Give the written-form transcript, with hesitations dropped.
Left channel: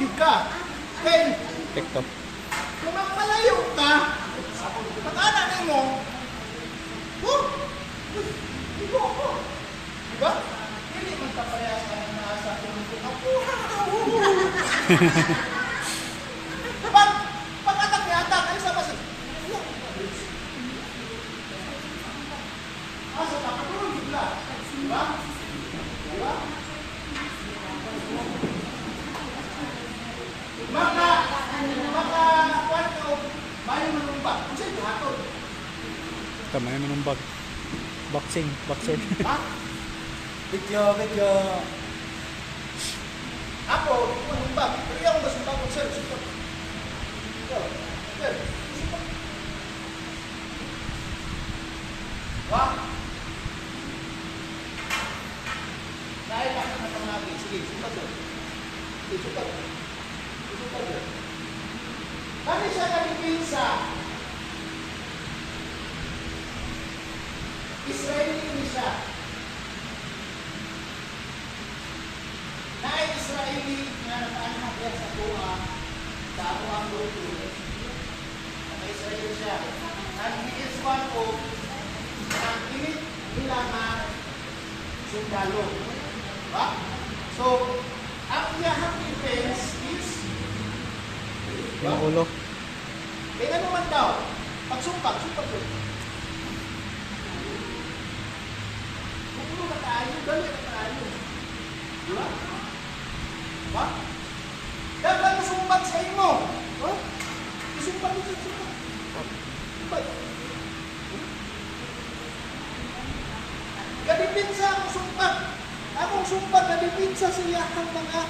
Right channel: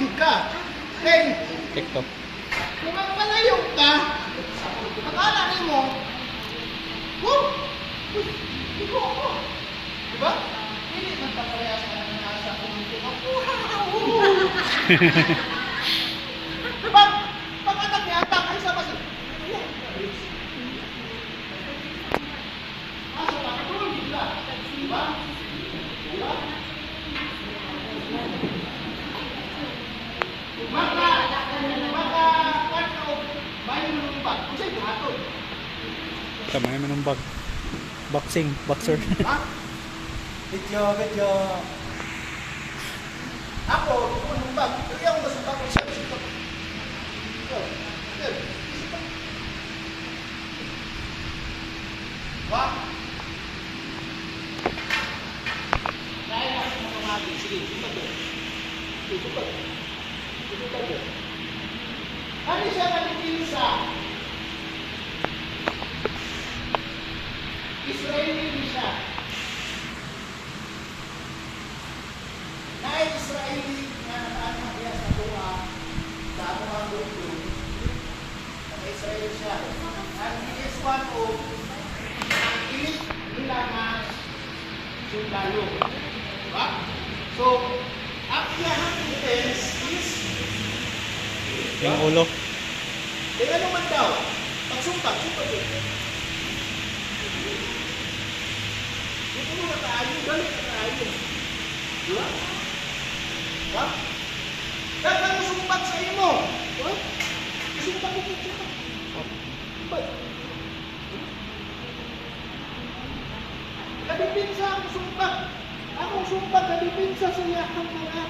gid ka. Kay TikTok. kung magpalayo ka, akala nimo, oh, iko ako. Diba? Hindi man paparehas ka ng nasa kung ako. Pag-atak niya, atak, ay sa basa. Asa ka, patulog ka. Diba? Diba? Kuwan ka, bayo mo nung bag. Kung sa'yo, buhaton. Kamay mo ng bag. Boxing, boxer. Ha? Video. Ako, hindi ko nung bag. Pero yung masumbag ko sa'yo, isipag. Isipag. Ha? Dahil ako na pamagi. Sige, isipag yun. Isipag yun. Ano siya nalipinsa? Israeli ni siya. Na-Israeli nga nakaano kaya sa Tua, sa Amuang Luto. Na-Israeli siya. And he is one of ang elite nila na sundalo. Diba? So, ang iyahang defense is Yung ulo. eh ano man daw? Pagsumpak yun. Pupuno na tayo, dali na tayo. Diba? Ha? Kaya mo sumpak sa imo. Ha? Isumpak ito, sumpak. Sumpak. Kadipinsa ang sumpak. Anong sumpak? Kadipinsa sa iyakang mga